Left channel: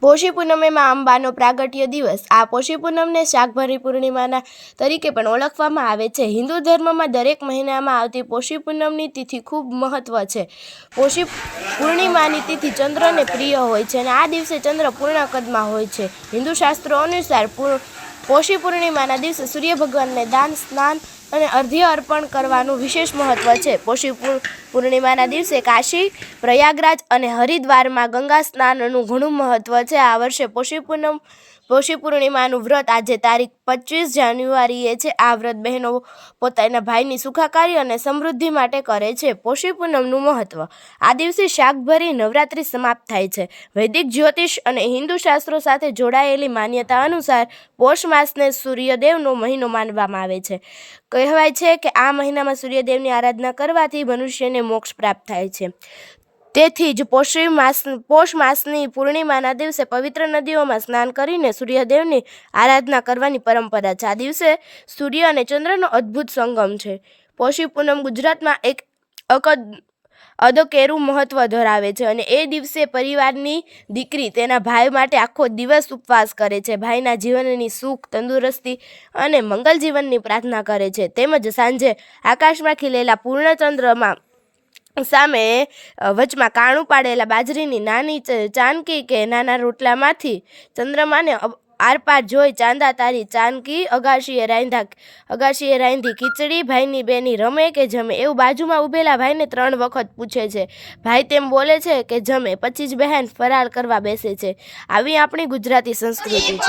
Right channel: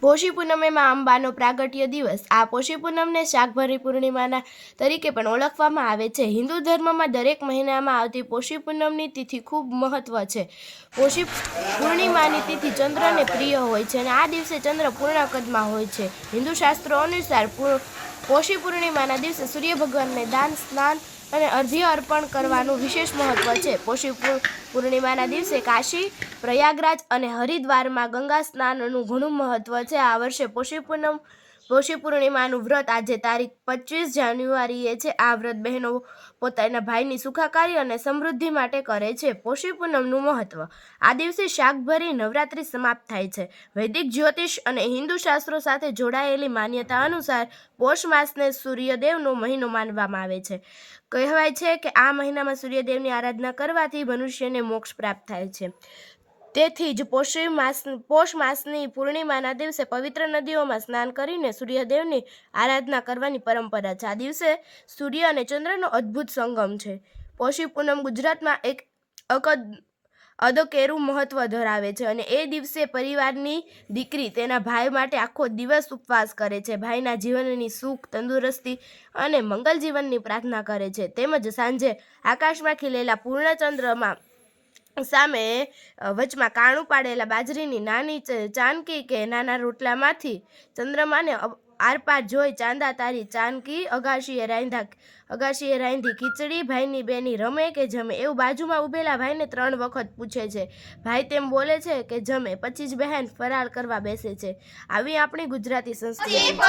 પોષી પૂનમેમાં અંબાનો પ્રાગટ્ય દિવસ. આ પોષી પૂનમને શાકભરી પૂર્ણિમાના તરીકે પણ ઓળખવામાં આવે છે. હિન્દુ ધર્મમાં દરેક મહિનામાં આવતી પોષી પૂનમની તિથિ ખૂબ મહત્વ છે. પોષી પૂર્ણિમાની તિથિ ચંદ્રને પ્રિય હોય છે અને આ દિવસે ચંદ્ર પૂર્ણ કદમાં હોય છે. હિન્દુ શાસ્ત્રો અનુસાર પૂ- પોષી પૂર્ણિમાના દિવસે સૂર્ય ભગવાનને દાન, સ્નાન અને અર્ધ્ય અર્પણ કરવાનું વિશેષ મહત્વ છે. પોષી પૂર્ણિમાના દિવસે કાશી, પ્રયાગરાજ અને હરિદ્વારમાં ગંગા સ્નાનનું ઘણું મહત્વ છે. આ વર્ષે પોષી પૂનમ પોષી પૂર્ણિમાનું વ્રત આજે તારીખ પચીસ જાન્યુઆરીએ છે. આ વ્રત બહેનો પોતાના ભાઈની સુખાકારી અને સમૃદ્ધિ માટે કરે છે. પોષી પૂનમનું મહત્વ. આ દિવસે શાકભરી નવરાત્રિ સમાપ્ત થાય છે. વૈદિક, જ્યોતિષ અને હિન્દુ શાસ્ત્રો સાથે જોડાયેલી માન્યતા અનુસાર પોષ માસને સૂર્યદેવનો મહિનો માનવામાં આવે છે. કહેવાય છે કે આ મહિનામાં સૂર્યદેવની આરાધના કરવાથી મનુષ્યને મોક્ષ પ્રાપ્ત થાય છે. તેથી જ પોષી માસ પોષ માસની પૂર્ણિમાના દિવસે પવિત્ર નદીઓમાં સ્નાન કરીને સૂર્યદેવની આરાધના કરવાની પરંપરા છે. આ દિવસે સૂર્ય અને ચંદ્રનો અદ્ભુત સંગમ છે. પોષી પૂનમ ગુજરાતમાં એક અકદ અદકેરું મહત્વ ધરાવે છે અને એ દિવસે પરિવારની દીકરી તેના ભાઈ માટે આખો દિવસ ઉપવાસ કરે છે. ભાઈના જીવનની સુખ, તંદુરસ્તી અને મંગલ જીવનની પ્રાર્થના કરે છે. તેમજ સાંજે આકાશમાં ખીલેલા પૂર્ણચંદ્રમાં સામે વચમાં કાણું પાડેલા બાજરીની નાની ચાનકી કે નાના રોટલામાંથી ચંદ્રમાને આરપાર જોઈ ચાંદા તારી ચાનકી, અગાશીએ રાંધા, અગાશીએ રાંધી, ખીચડી ભાઈની બેની રમે કે જમે? એવું બાજુમાં ઊભેલા ભાઈને ત્રણ વખત પૂછે છે. ભાઈ તેમ બોલે છે કે, જમે. પછી જ બહેન ફરાર કરવા બેસે છે. આવી આપણી ગુજરાતી સંસ્કૃતિ છે.